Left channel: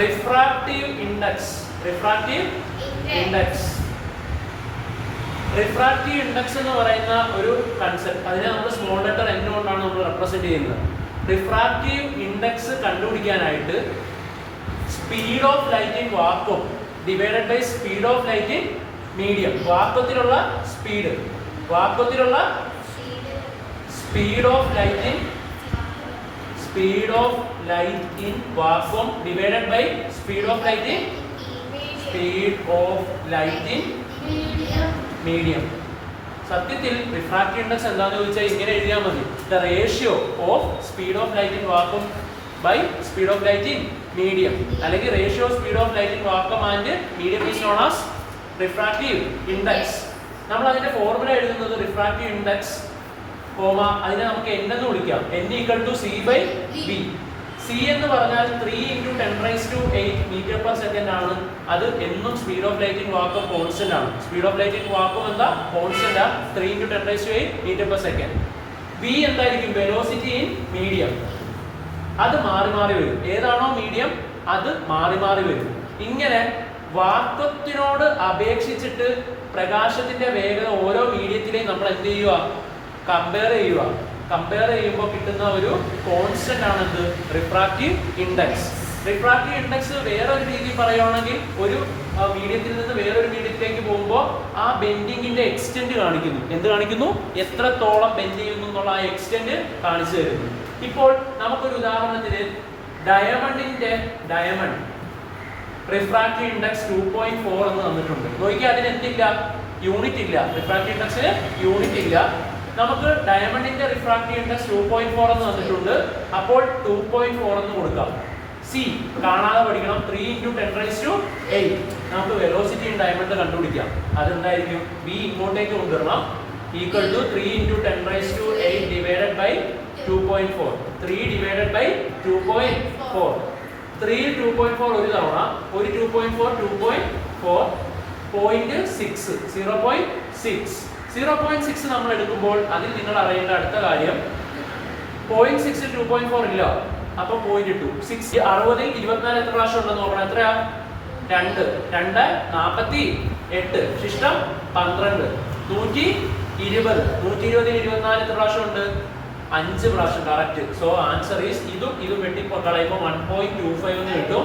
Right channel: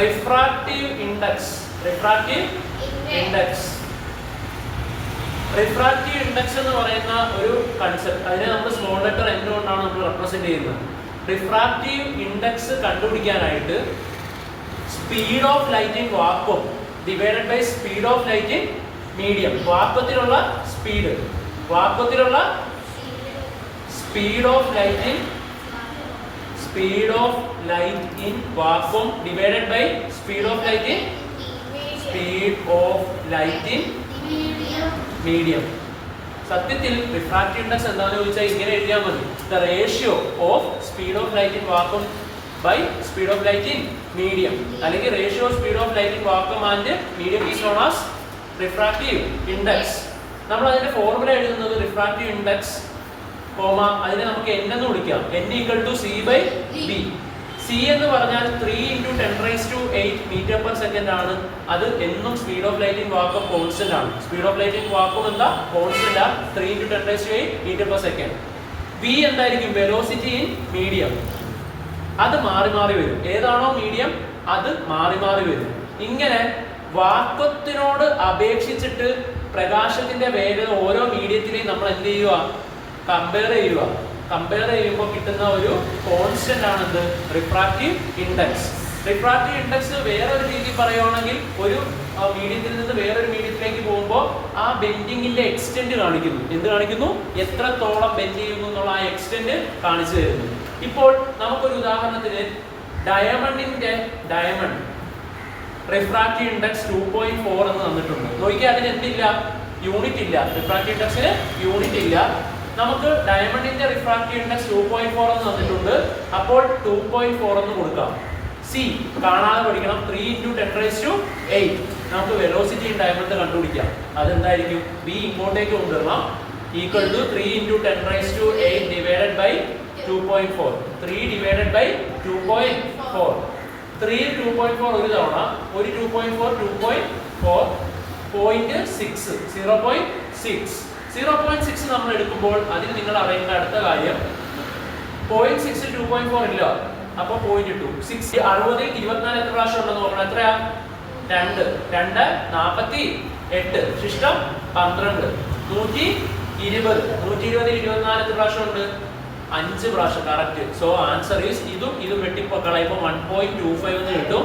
Refractive index. Refractive index എന്ന് പറയുന്ന ഒരു കൺസെപ്റ്റ്, അതിനെ നമ്മൾ സ്മോൾ ലെറ്റർ n കൊണ്ടാണ് നമ്മൾ റെപ്രസെന്റ് ചെയ്യുന്നത്. റിഫ്രാക്റ്റീവ് ഇൻഡെക്സ് കണ്ടുപിടിക്കാനായിട്ട് speed of light in vacuum divided by speed of light in medium. വാക്വത്തിലുള്ള speed of light in vacuum divided by speed of light in medium. സത്യത്തിൽ refractive index എന്താണെന്ന് ചോദിച്ചാൽ ഇങ്ങനെ എഴുതിയാൽ മതി: the ratio of speed of light in vacuum by speed of light in medium, അല്ലെങ്കിൽ ratio of speed of light in vacuum and medium is known as refractive index. നമ്മൾ അതിന്റെ formula എഴുതുന്നത് refractive index comma അതിനെ നമുക്ക് n എന്ന് വിളിക്കാം. n = c/v. c എന്ന് പറഞ്ഞാൽ 3 × 10⁸ മീറ്റർ പെർ സെക്കൻഡ് ആണ്. അത് എന്നും speed of light in vacuum constant ആണ്. Speed of light in vacuum എന്താ? കോൺസ്റ്റന്റ് ആണ്, 3 × 10⁸ മീറ്റർ പെർ സെക്കൻഡ്. v എന്തായിരിക്കും? Velocity in medium. അത് മാറി മാറി വരും. ഏതാണോ മീഡിയം അത് മാറി മാറി വരും. ഇങ്ങനെ വാക്വത്തിനോട് അപേക്ഷിച്ചിട്ട് പ്രകാശത്തിന്റെ വേഗത ഓരോ മീഡിയത്തിലെയും നമ്മൾ എന്ത് ചെയ്യുക? കമ്പയർ ചെയ്യുമ്പോൾ കിട്ടുന്ന ഒരു കോൺസ്റ്റന്റ് ആണിത് റിഫ്രാക്റ്റീവ് ഇൻഡെക്സ്. റിഫ്രാക്റ്റീവ് ഇൻഡെക്സ് വേറൊരു രീതി പറയുകയാണെങ്കിൽ ഒരു മീഡിയത്തിൽ നിന്ന് വേറൊരു മീഡിയത്തിലേക്ക് പോകുമ്പോൾ ആ ബെൻഡിങ്ങിന്റെ എക്സ്റ്റെന്റ് കാണിക്കുന്നു. എന്ത് കാണിക്കുന്നു? എത്രത്തോളം ബെൻഡ് ചെയ്യുന്നു എന്നുള്ള ആ എക്സ്റ്റെന്റ് കാണിച്ചു തരുന്നു. ഇപ്പോൾ നമുക്കൊരു ഉദാഹരണത്തിന് ഡയമണ്ട് റിഫ്രാക്റ്റീവ് ഇൻഡെക്സ് 2.4 എന്ന് തന്നിട്ടുണ്ട്. നോക്കിയാൽ അതിന് എന്തില്ല? യൂണിറ്റ് ഇല്ല. റിഫ്രാക്റ്റീവ് ഇൻഡെക്സിന് യൂണിറ്റ് ഇല്ല. നമുക്ക് ഡയമണ്ടിന്റെ റിഫ്രാക്റ്റീവ് ഇൻഡെക്സ് 2.4 എന്ന് തന്നിട്ടുണ്ട്. അപ്പോൾ 2.4 എന്ന് കൊടുക്കാം. സി കാണാതെ പഠിക്കണം. 3 × 10⁸. നമുക്ക് വെലോസിറ്റി ഇൻ ഡയമണ്ട് കണ്ടുപിടിക്കാം. അതെന്തായിരിക്കും? v ഇങ്ങോട്ടേക്ക് കൊണ്ടുവരണം. Equal to 3 × 10⁸ divided by 2.4. 3 divided by 2.4. 3 2.4 ഒരു തവണ, ഒരു 2.4 2.4 0.6 0.6 നമ്മൾ എടുക്കുമ്പോൾ അതിൽ നിങ്ങൾ അറിയേണ്ട അടുത്ത കാര്യം 0.6 2.4 ഇല്ല. അപ്പൊ 0.2 6 60 24 എത്ര പ്രാവശ്യം ഉണ്ടെന്ന് നോക്കണം. എത്രയാ? 2 2 48 ശിഷ്ടം 12 120 120 24 എത്ര പ്രാവശ്യം ഉണ്ട്? 5 പ്രാവശ്യം. കറക്റ്റ്. സോ ആൻസർ ഈസ് ഇതും വെട്ടിപ്പോ കളയുമ്പോൾ 1.25 എന്ന് കിട്ടും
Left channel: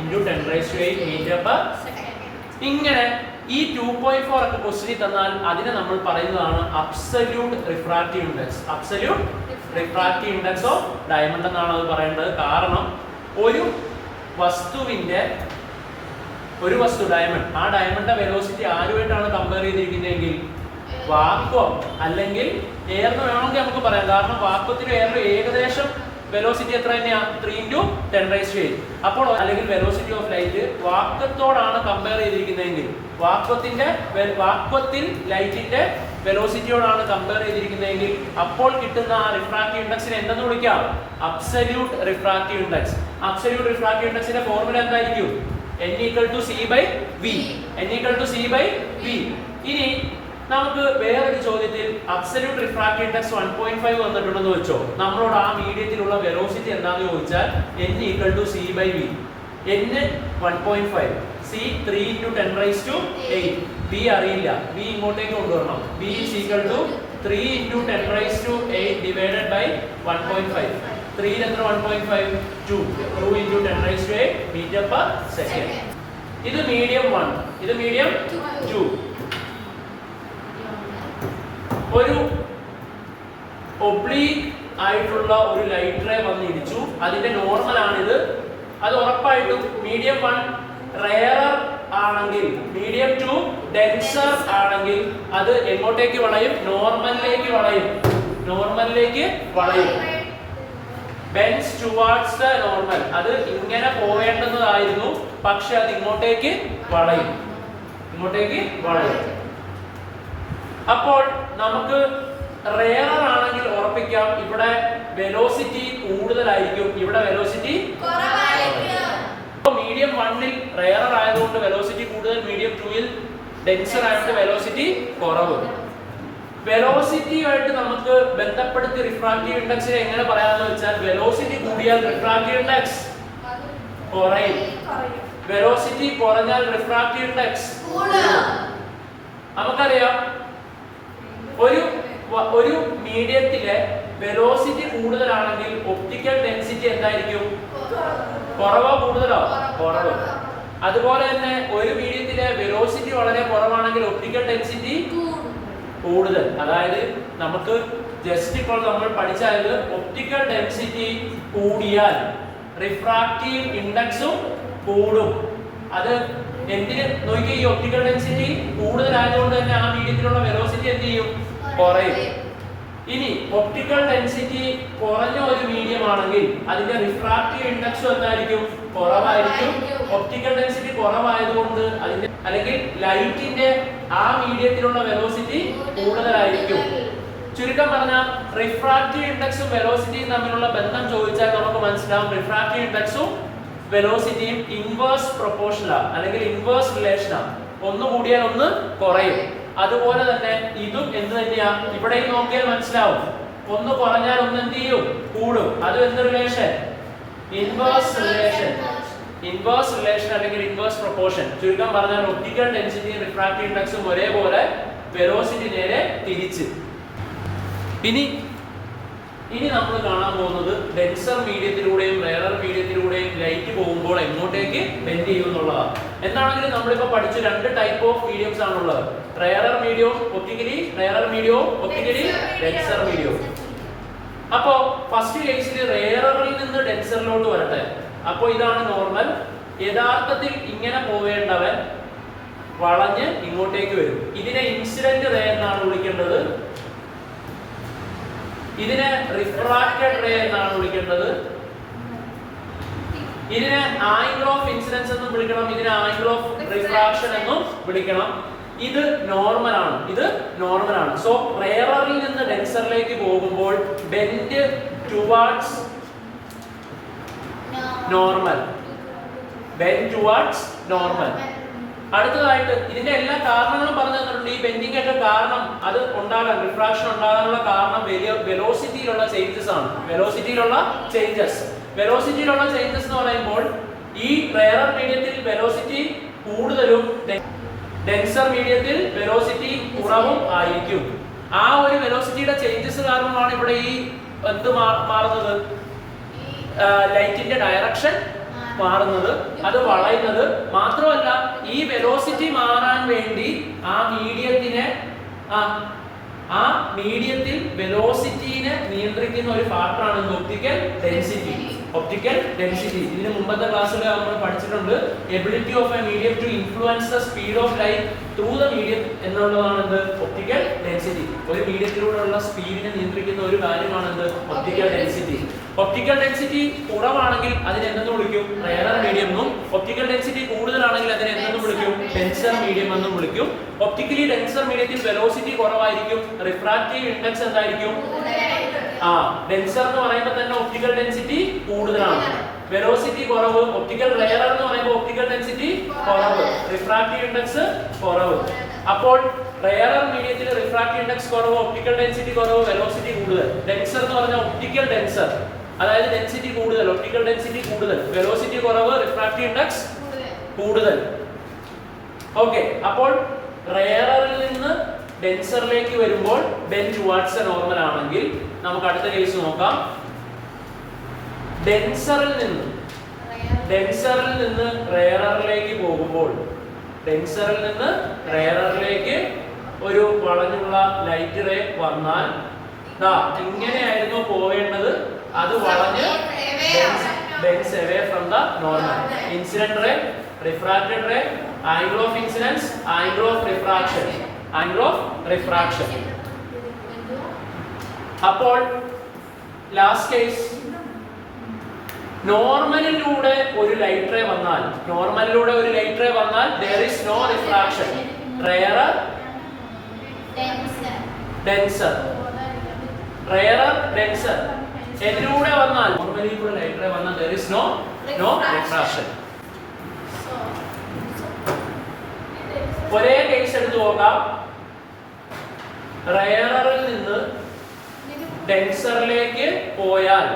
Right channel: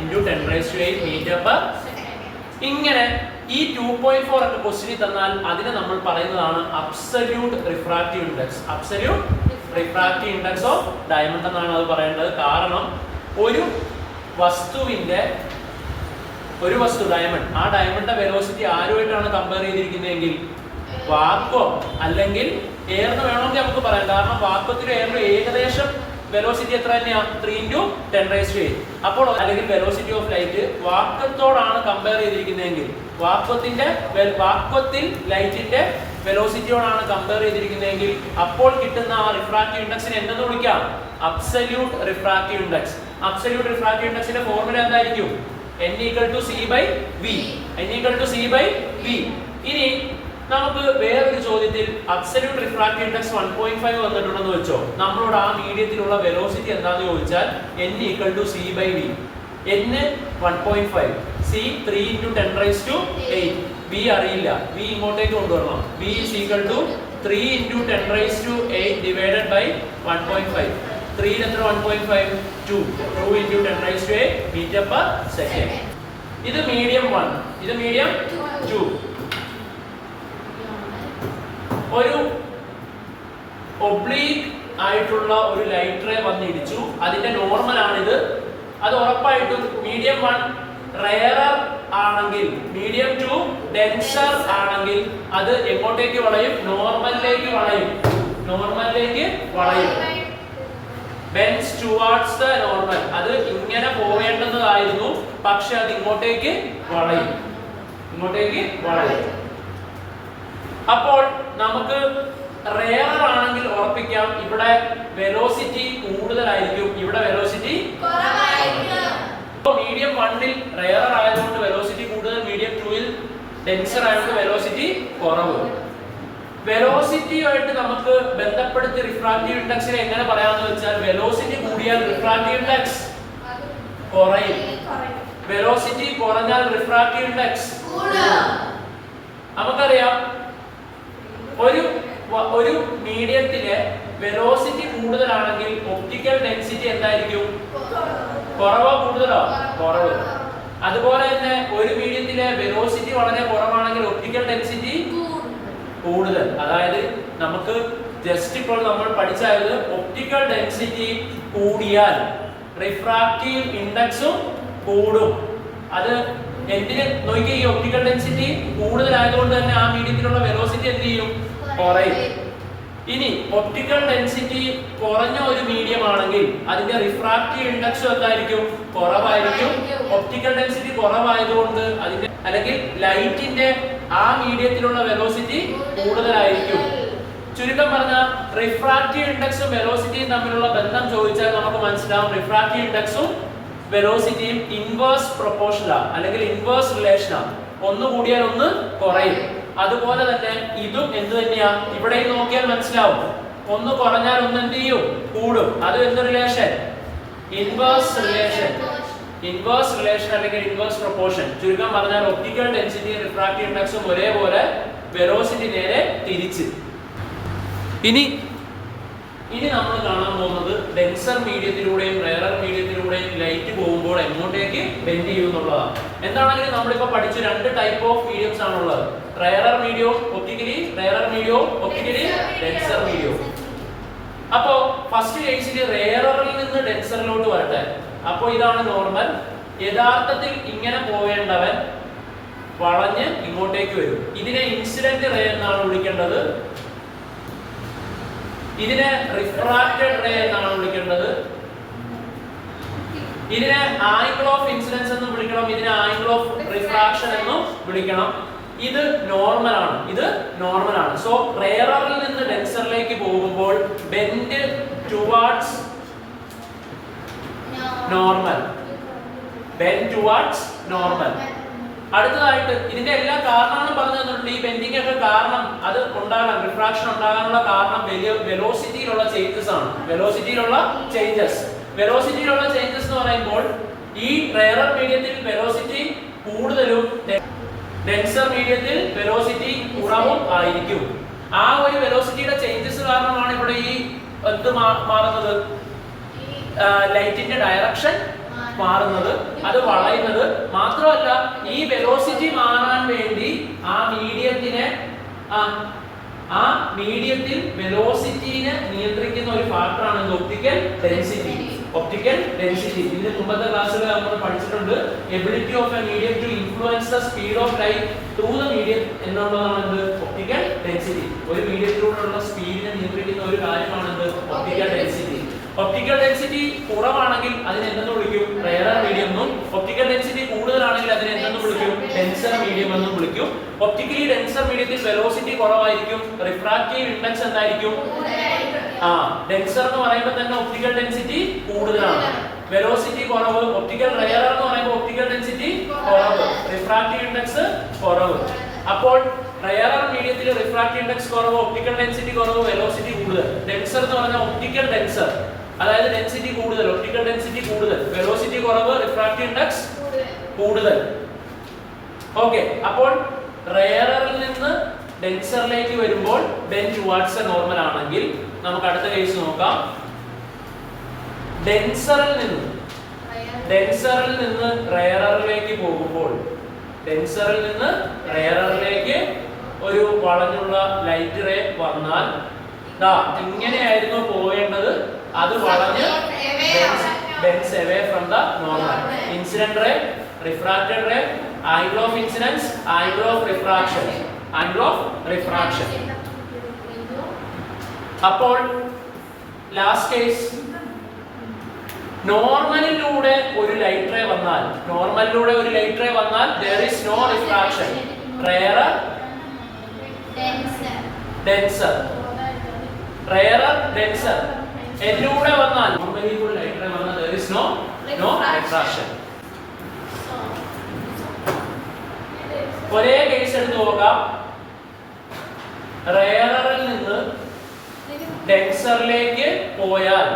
ഇൻറ്റു 10⁸ മീറ്റർ പെർ. ഇങ്ങനെ ഈ 2.4 ഒക്കെ ക്വസ്റ്റ്യനിൽ തന്നാൽ അതിനെ നമ്മൾ പറയുന്നതാണ് absolute refractive index. Absolute refractive index of diamond എന്നാണ് അത് പറയേണ്ടത്. കാരണം ഒരു വസ്തു ഡയമണ്ട്, ആ ഡയമണ്ടിന്റെ വെലോസിറ്റി ആരുമായിട്ടാണ് കമ്പയർ ചെയ്തിരിക്കുന്നതെങ്കിൽ വാക്വം അല്ലെങ്കിൽ എയർന്ന് വേണമെങ്കിൽ നമുക്ക് പറയാം. കാരണം വാക്വത്തിലും എയറിലും ഏകദേശം വെലോസിറ്റി എത്ര തന്നെയാ? 3 × 10⁸. അപ്പോൾ അല്ലെങ്കിൽ വെലോസിറ്റി ഓഫ് ലൈറ്റ് വാക്വത്തോടാണ് കമ്പയർ ചെയ്തിരിക്കുന്നതെങ്കിൽ വാക്വത്തിൽ ലൈറ്റിന്റെ വെലോസിറ്റിയോടാണ് കമ്പയർ ചെയ്തിരിക്കുന്നതെങ്കിൽ അപ്പോൾ കിട്ടുന്ന ആ റിഫ്രാക്റ്റീവ് ഇൻഡെക്സിനെ എന്തെന്ന് വിളിക്കാം? Absolute refractive index. Absolute refractive ഇൻഡെക്സിന്റെ ഫോർമുല എന്തായിരിക്കും? n = c/v. ഇനി നമുക്ക് വേറൊരു ചോദ്യത്തിൽ അബ്സല്യൂട്ട് റിഫ്രാക്റ്റീവ് ഇൻഡെക്സ് 1.5 വന്നിട്ടുണ്ടെന്ന് വെച്ചോ. നമ്മളോട് ആ മീഡിയത്തിലുള്ള വെലോസിറ്റി എന്താണെന്ന് ചോദിച്ചാൽ n = c/v. n 1.5, c 3 × 10⁸. v അറിയില്ല, v ഇങ്ങോട്ടേക്ക് കൊണ്ടുവരണം. v is equal to 3 × 10⁸ divided by 1.5. 3 എത്ര? 1.5 2 × 10⁸ മീറ്റർ പെർ സെക്കൻഡ്. ഇത് മീഡിയം 1, ഇത് മീഡിയം 2. ഒരു ഒബ്ലീക്ക് ആയിട്ടുള്ള ഒരു ലൈറ്റ് റേ വന്ന് ഇടിച്ചു. അതിന്റെ നോർമൽ ആണിത്. അത് ഉറപ്പായിട്ടും മീഡിയം 1 റെയറർ ആണെങ്കിൽ, മീഡിയം 2 ഡെൻസർ ആണെങ്കിൽ അത് എങ്ങോട്ടേക്ക് വളയും? നോർമലിലേക്ക് വളയും. Benz towards the normal. അത് ഇങ്ങനെ പോവേണ്ടതായിരുന്നു, പക്ഷെ അത് ഇങ്ങോട്ടേക്ക് വളയും. അപ്പോൾ നമുക്ക് റെയർ ആണെങ്കിൽ ഉറപ്പിക്കാം ഇവിടെ വെലോസിറ്റി കൂടുതലായിരിക്കും, ഇവിടെ വെലോസിറ്റി കുറവായിരിക്കും. മീഡിയം 1ൽ റെയർ ആയതുകൊണ്ട് വെലോസിറ്റി കൂടുതൽ, മീഡിയം 2ൽ ഡെൻസർ ആയതുകൊണ്ട് വെലോസിറ്റി കുറവ്. വെലോസിറ്റിയുമായിട്ട് നമുക്ക് ബന്ധപ്പെടുത്തി റിഫ്രാക്റ്റീവ് ഇൻഡെക്സിനെ എങ്ങനെ പറയാമെന്ന് വെച്ചാൽ, വെലോസിറ്റി കൂടിയാൽ റിഫ്രാക്റ്റീവ് ഇൻഡെക്സ് കുറയും. വെലോസിറ്റി കുറഞ്ഞാൽ റിഫ്രാക്റ്റീവ് ഇൻഡെക്സ് നമുക്കറിയാം. ഒരു മീഡിയത്തിലെ വെലോസിറ്റി കൂടുതലാണെങ്കിൽ ഒപ്റ്റിക്കൽ ഡെൻസിറ്റി എന്തായിരിക്കും? കുറവോ കൂടുതലോ? കുറവ്. അതുപോലെ തന്നെ ഒരു മീഡിയത്തിലെ വെലോസിറ്റി വളരെ കുറവാണെങ്കിൽ ഒപ്റ്റിക്കൽ ഡെൻസിറ്റി കൂടുതൽ. അതായത് നമുക്ക് ജസ്റ്റ് ഇപ്പോൾ നമ്മൾ പഠിച്ചത് ഒപ്റ്റിക്കൽ ഡെൻസിറ്റി കൂടിയാൽ റിഫ്രാക്റ്റീവ് ഇൻഡെക്സും കൂടും. അത് എന്തിന് നോക്കിയാൽ ഈ ഒപ്റ്റിക്കൽ ഡെൻസിറ്റി കൂടുതലായതുകൊണ്ട് തന്നെ ആ മീഡിയത്തിലുള്ള വെലോസിറ്റി എന്ത് ചെയ്യും? കുറയും. ഇനി ഒപ്റ്റിക്കൽ ഡെൻസിറ്റി കുറഞ്ഞ ഒരു മീഡിയം ആണെങ്കിൽ അതിന്റെ റിഫ്രാക്റ്റീവ് ഇൻഡെക്സും എന്തായിരിക്കും? കുറവായിരിക്കും. ഒപ്റ്റിക്കൽ ഡെൻസിറ്റി കുറവായതുകൊണ്ട് അതിന്റെ അല്ലെങ്കിൽ ലൈറ്റിന്റെ ആ മീഡിയത്തിലുള്ള വെലോസിറ്റി കൂടുതലായിരിക്കും. ചുരുക്കം പറഞ്ഞാൽ റിഫ്രാക്റ്റീവ് ഇൻഡെക്സും വെലോസിറ്റിയും തമ്മിലുള്ള ബന്ധം ചോദിച്ചാൽ നമുക്ക് മനസ്സിലാവും റിഫ്രാക്റ്റീവ് ഇൻഡെക്സും വെലോസിറ്റിയും ഇൻവേഴ്സ് പ്രൊപ്പോർഷനാണ് അല്ലെങ്കിൽ ഇൻവേഴ്സ് റിലേഷനാണ്. ഒന്ന് കൂടിയാൽ ഒന്ന് കുറയും. അതുപോലെ തന്നെ ഇതും എന്ത് തന്നെയാ? ഇവിടെ നോക്കിയാൽ മനസ്സിലാവും. ഒന്ന് കുറഞ്ഞാൽ ഒന്ന് എന്ത് ചെയ്യും? കൂടും. അത് എന്ത് relation? Inverse relation. Inverse relation അല്ലെങ്കിൽ ഇൻവേഴ്സ് പ്രൊപ്പോർഷൻ. ചുരുക്കം പറഞ്ഞാൽ ഒപ്റ്റിക്കൽ ഡെൻസിറ്റിയും റിഫ്രാക്റ്റീവ് ഇൻഡെക്സും ഒരേപോലെ, വെലോസിറ്റി നേരെ തിരിച്ച്. ഇനി നമ്മൾ കാണാൻ പോകുന്നത് ഡെൻസർ മീഡിയത്തിലൂടെയും റെയറർ മീഡിയത്തിലൂടെയും ലൈറ്റ് പോകുമ്പോൾ എങ്ങോട്ടേക്ക് ബെൻഡ് ചെയ്യും എന്നുള്ളതാണ്. എന്താണെങ്കിലും നമ്മളിപ്പോൾ പഠിച്ച രണ്ട് ടൈപ്പ് ഓഫ് മീഡിയംസ് ആണുള്ളത്. റെയറർ മീഡിയവും ഒപ്റ്റിക്കലി, റെയറർ മീഡിയവും ഒപ്റ്റിക്കലി, ഡെൻസർ മീഡിയവും. അപ്പോൾ ഫസ്റ്റ് കേസിൽ റെയററിൽ നിന്ന് ഡെൻസറിലോട്ട് വരട്ടെ. അപ്പോൾ ഇതാണ് നോർമൽ. യഥാർത്ഥത്തിൽ ഇങ്ങനെ പോവേണ്ടവൻ വളഞ്ഞ് ഇങ്ങോട്ടേക്ക് വരും. ഇതിനെ ഇൻസിഡന്റ് റേ എന്നാണ് വിളിക്കേണ്ടത്. ഇതിനെ റിഫ്രാക്റ്റഡ് റേ എന്നാണ് വിളിക്കേണ്ടത്. ഇതിനെ ആംഗിൾ ഓഫ് ഇൻസിഡൻസ് എന്നും വിളിക്കണം. ഇതിനെ ആംഗിൾ ഓഫ് റിഫ്രാക്ഷൻ എന്നും വിളിക്കണം. ഇത് നോർമൽ ആണ്. ഇത് നോർമൽ ആണ്. സോ റെയറിൽ നിന്ന് ഡെൻസറിലേക്ക് പോകുമ്പോൾ bend towards normal. Bend towards normal. അടുത്തതായിട്ട് ഇതിന്റെ എല്ലാ കാരണങ്ങളും പറഞ്ഞു തന്നിട്ടുണ്ട്. ഈ ബെൻഡിങ് ഒക്കെ കാരണം അത് ഉണ്ടാകാൻ, റിഫ്രാക്ഷൻ ഉണ്ടാകാനുള്ള കാരണം വെലോസിറ്റിയിലുള്ള ചേഞ്ചസ് ആണ്. വെലോസിറ്റിയിലുള്ള ചേഞ്ചസ് എന്ന് പറയുമ്പോൾ ഈ റെയറർ മീഡിയത്തിൽ വെലോസിറ്റി കൂടുതലും ഡെൻസർ മീഡിയത്തിൽ വെലോസിറ്റി കുറവും ആയിരിക്കും. ആ ഒരു വെലോസിറ്റിയുടെ ചേഞ്ചസ് കാരണമാണ് ഇവിടെ ഈ എന്ത് മാറുന്നത്? ലൈറ്റിന്റെ ഡയറക്ഷൻ മാറുന്നത്, അത് വളയുന്നത്. മാത്രമല്ല ഈ വെലോസിറ്റി മാറാൻ വേണ്ടി ആ മീഡിയത്തിൽ വെലോസിറ്റിനെ നിയന്ത്രിക്കുന്ന ഒരു ഫാക്ടറാണ് ഒപ്റ്റിക്കൽ ഡെൻസിറ്റി. ഇതിന് മുമ്പത്തെ ക്ലാസ്സിൽ നമ്മൾ പഠിച്ചിട്ടുണ്ട്. Ability of a medium to influence the speed of light through the medium എന്നുള്ളതാണ് ഒപ്റ്റിക്കൽ ഡെൻസിറ്റി. ഒരു മീഡിയത്തിലൂടെയുള്ള സ്പീഡിനെ നിയന്ത്രിക്കുന്ന ഒരു കാര്യമാണ് ഒപ്റ്റിക്കൽ ഡെൻസിറ്റി. ഒപ്റ്റിക്കൽ ഡെൻസിറ്റി കുറവാണെങ്കിൽ അതിനെ എന്തെന്ന് വിളിക്കും? റെയറർ മീഡിയം എന്നും. ഒപ്റ്റിക്കൽ ഡെൻസിറ്റി കൂടുതലാണെങ്കിൽ അതിനെ എന്തെന്ന് വിളിക്കും? ഡെൻസർ മീഡിയം എന്നും വിളിക്കും. ഒപ്റ്റിക്കലി ഡെൻസർ മീഡിയത്തിൽ വെലോസിറ്റി കുറവായിരിക്കും. റിഫ്രാക്റ്റീവ് ഇൻഡെക്സ് എന്തായിരിക്കും? ഡെൻസർ എന്ന് പറയുമ്പോൾ തന്നെ ഒപ്റ്റിക്കൽ ഡെൻസിറ്റി കൂടുതലാണ്, വെലോസിറ്റി കുറവ്. ഒപ്റ്റിക്കൽ റെയറർ എന്ന് പറയുമ്പോൾ ഒപ്റ്റിക്കൽ ഡെൻസിറ്റി കുറവ്, റിഫ്രാക്റ്റീവ് ഇൻഡെക്സ് കുറവ്. അപ്പോൾ റെയറർ മീഡിയത്തിൽ റിഫ്രാക്റ്റീവ് ഇൻഡെക്സ് കുറവ്, ഒപ്റ്റിക്കൽ ഡെൻസിറ്റി കുറവ്, വെലോസിറ്റി കൂടുതൽ. ഡെൻസർ എന്ന് പറഞ്ഞാൽ ഒപ്റ്റിക്കൽ ഡെൻസർ, അതായത് ഡെൻസിറ്റി കൂടുതൽ, ഒപ്റ്റിക്കൽ ഡെൻസിറ്റി കൂടുതൽ, വെലോസിറ്റി കുറവ്, റിഫ്രാക്റ്റീവ് ഇൻഡെക്സ് കൂടുതൽ. ഓക്കെ, അപ്പോൾ റെയറിൽ നിന്ന് ഡെൻസറിലേക്ക് വരുമ്പോൾ ബെൻഡ് ടുവാർഡ്സ് നോർമൽ ആണെങ്കിൽ നമുക്ക് അടുത്ത കേസ് നോക്കാം. ഡെൻസറിൽ നിന്ന് റെയറിലേക്ക് പോകുമ്പോൾ, ഡെൻസറിൽ നിന്ന് റെയറിലേക്ക് ഒരു വളഞ്ഞുള്ള ലൈറ്റ് റേ വന്നാൽ എങ്ങനെയായിരുന്നു പോവേണ്ടത്? അത് വളഞ്ഞ് bends away from the normal. Incident ray, refracted ray, angle of incidence, angle of refraction. അപ്പോൾ ലാസ്റ്റ് കേസ്, നോർമലിലൂടെ ഒരു ലൈറ്റ് റേ വന്നാൽ there is no refraction. Rarer, denser. എന്നിലൂടെ വന്നാൽ, നോർമലിലൂടെ ലൈറ്റ് റേ വന്നാൽ there is no refraction. ഒരേ case എടുത്ത് നോക്കാം. റെയറിൽ നിന്ന് ഡെൻസറിലേക്ക് പോയാൽ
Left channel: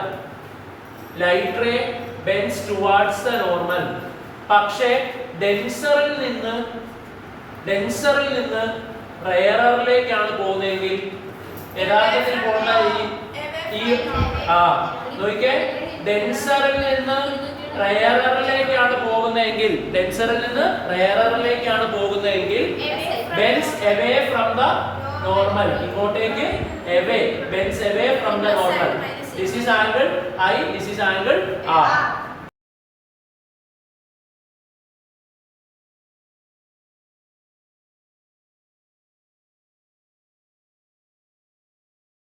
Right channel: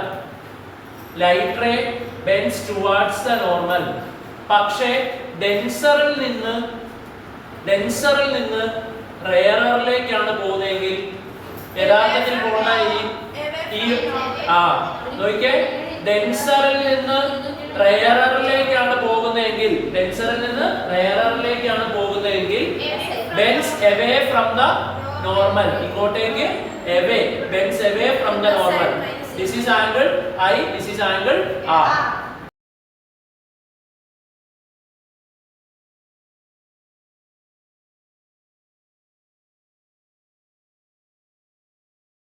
light ray bends towards the normal. പക്ഷേ ഡെൻസറിൽ നിന്ന് റെയറിലേക്കാണ് പോകുന്നതെങ്കിൽ യഥാർത്ഥത്തിൽ പോകുന്ന ഈ നോക്കിയേ, ഡെൻസറിൽ നിന്ന് റെയറിലേക്കാണ് പോകുന്നതെങ്കിൽ bends away from the normal, ഇങ്ങോട്ടേക്ക് away, bends away from the normal. This is angle I, this is angle R.